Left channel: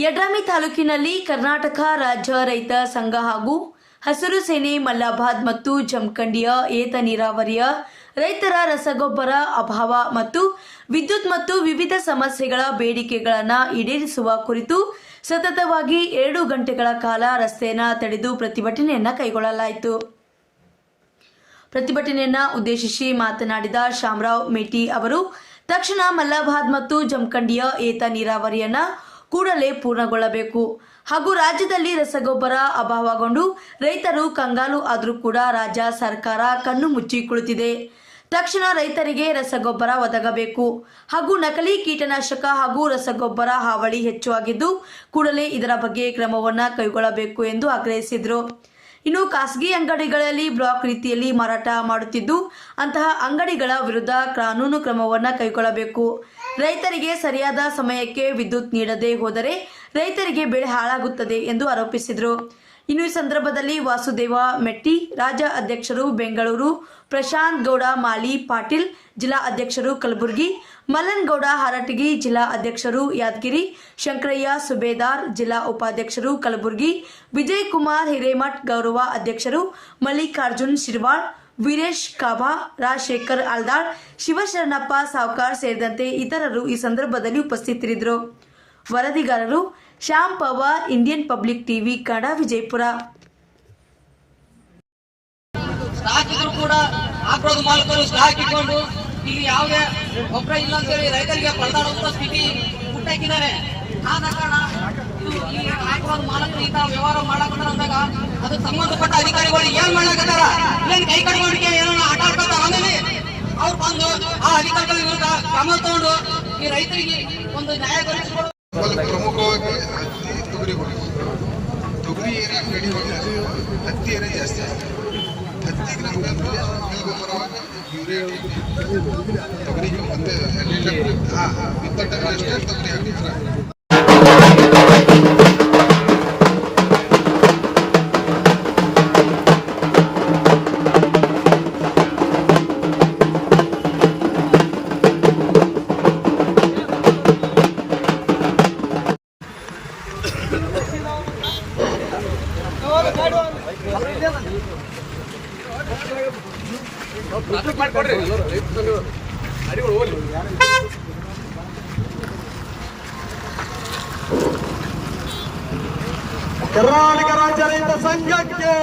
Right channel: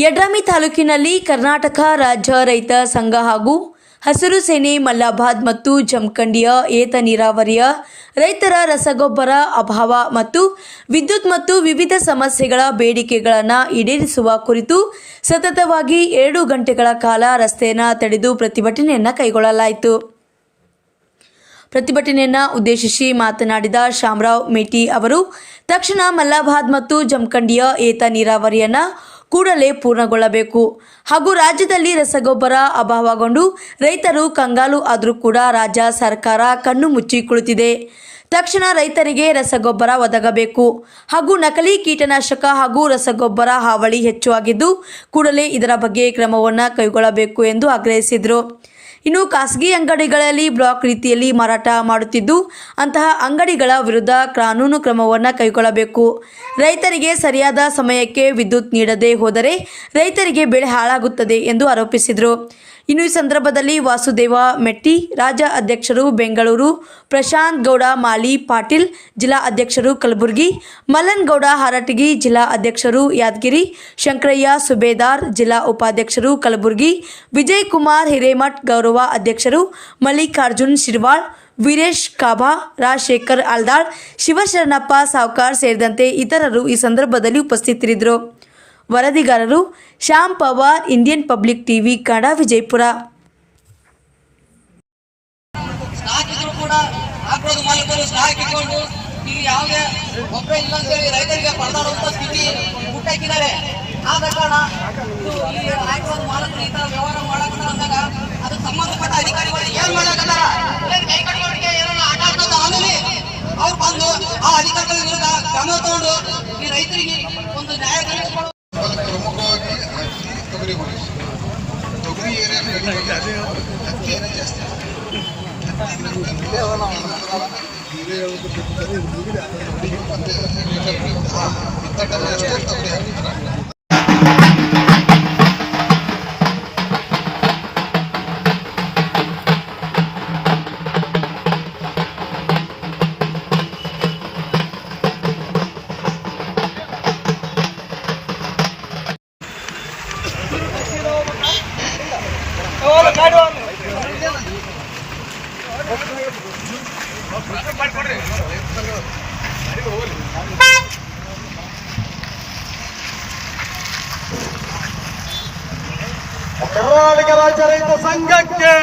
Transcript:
ಯಡ್ರಾಮಿ ತಾಲೂಕಿನಲ್ಲಿ ಕರ್ನಾಟಕ ರಾಜ್ಯ ರೈತ ಸಂಘ ಹಾಗೂ ಹಸಿರು ಸೇನೆ ಮಲ್ಲಾಬಾದ್ ಮತ್ತು ಜಮಖಂಡಿಯ ಏತ ನೀರಾವರಿಯ ರೈತರ ರಸಗೊಬ್ಬರ ಅಭಾವ ಮತ್ತು ವಿದ್ಯುತ್ ಮತ್ತು ವಿವಿಧ ಸಮಸ್ಯೆಗಳ ಬೇಡಿಕೆಗಳನ್ನು ಈಡೇರಿಸುವ ಕುರಿತು ಸತತವಾಗಿ ಎರಡು ಗಂಟೆಗಳ ಕಾಲ ರಸ್ತೆಯನ್ನು ತಡೆದು ಪ್ರತಿಭಟನೆಯನ್ನು ಕೈಗೊಳ್ಳಲಾಯಿತು. ಪ್ರತಿಭಟನೆಯನ್ನು ಉದ್ದೇಶಿಸಿ ಮಾತನಾಡಿದ ಶಾಮರಾವ್ ಮೇಟಿ ಅವರು, ತಕ್ಷಣ ಮಲ್ಲಾಬಾದ್ ಮತ್ತು ಜಮಖಂಡಿಯ ಏತ ನೀರಾವರಿಯನ್ನು ಕೂಡಲೇ ಪೂರ್ಣಗೊಳ್ಳಬೇಕು. ಹಾಗೂ ರಾಜ್ಯದಲ್ಲಿ ರಸಗೊಬ್ಬರ ಅಭಾವಗೊಂಡು ರೈತರು ಕಂಗಾಲು ಆದರೂ ಕೂಡ ರಾಜ್ಯ ಸರ್ಕಾರ ಕಣ್ಣು ಮುಚ್ಚಿ ಕುಳಿತಿದೆ. ತಕ್ಷಣ ರೈತರಿಗೆ ರಸಗೊಬ್ಬರ ಒದಗಬೇಕು. ಹಾಗೂ ನಕಲಿ ಕೀಟನಾಶಕ ಹಾಗೂ ರಸಗೊಬ್ಬರ ಹಾವಳಿ ಹೆಚ್ಚು ಆಗಿದ್ದು, ಕೂಡಲೇ ಇದರ ಬಗ್ಗೆ ಕ್ರಮವನ್ನು ಕೈಗೊಳ್ಳಬೇಕು ಎಂದು ಆಗ್ರಹಿಸಿದರು. ಇನ್ನು ಖಾಸಗಿ ಅಂಗಡಿಗಳಲ್ಲಿ ಬ್ಲಾಕ್ ರೀತಿಯಲ್ಲಿ ಮಾರಾಟ ಮಾಡುತ್ತಿದ್ದು, ಅಂತಹ ಅಂಗಡಿಗಳ ವಿರುದ್ಧ ಕಾನೂನು ಕ್ರಮವನ್ನು ಕೈಗೊಳ್ಳಬೇಕು. ರೈತರಿಗೆ ಸರಿಯಾದ ಸಮಯಕ್ಕೆ ವಿದ್ಯುತ್ ನೀಡದೆ ಹೋದರೆ ರೈತರಿಗೆ ಬೆಳೆ ಹಾಳಾಗುತ್ತದೆ ಎಂದು ಆರೋಪಿಸಿದರು. ಇನ್ನು ಈ ಸಂದರ್ಭದಲ್ಲಿ ವಾಸುದೇವ ಮೆಟ್ಟಿ, ರಾಜ್ಯ ಅಧ್ಯಕ್ಷರು ಬೆಂಗಳೂರು, ಪ್ರಶಾಂತ್ ಗೌಡ, ಮಾಲಿ ಪಾಟೀಲ್, ಜಿಲ್ಲಾ ಅಧ್ಯಕ್ಷರು ಕಲಬುರಗಿ ಗೌಡ, ಹಾರಟಗಿ, ಜಿಲ್ಲಾ ಅಧ್ಯಕ್ಷರು ಯಾದಗಿರಿ, ಶಂಕರಯ್ಯ, ಸುಬೇದಾರ್, ಜಿಲ್ಲಾ ಉಪಾಧ್ಯಕ್ಷರು ಕಲಬುರಗಿ ವಿಜಯ್ ಕುಮಾರ್ ಹಿರೇಮಠ್, ಗೌರವ ಅಧ್ಯಕ್ಷರು ಮಲ್ಲಿಕಾರ್ಜುನ್ ಶಿರ್ವಾಳ್, ವೀರೇಶ್ ಕಾಭಾ, ರಾಜಶೇಖರ್ ಆಲ್ದಾಳ್, ಶಿವಶರಣಪ್ಪ ಸಾವ್ಕಾರ್ ಸೇರಿದಂತೆ ಇತರರು ಈ ಸಂದರ್ಭದಲ್ಲಿ ಉಪಸ್ಥಿತರಿದ್ದರು. ವರದಿಗಾರರು Shyam Pawar, Indian public TV ಕಡ ವಿಜಯಪುರ ಯಾವುದೇ ಇಲ್ಲ ಅಂತೇಳಿ ರೈತರಿಗೆ ಸ್ಥಿತಿ ವ್ಯವಹಾರ ಅದು ಅವ್ರು ಬಂದು ಆ ಅಧಿಕಾರಿಗಳ ವಿರುದ್ಧ ಕ್ರಮ ತಗೊಂಡು ಈ ರೈತರಿಗೆ ಒಂದು ನ್ಯಾಯ ದೊರಕಿಸಿಕೊಡು Claro. ಕರ್ನಾಟಕ ರಾಜ್ಯ ರೈತ ಸಂಘಕ್ಕೆ!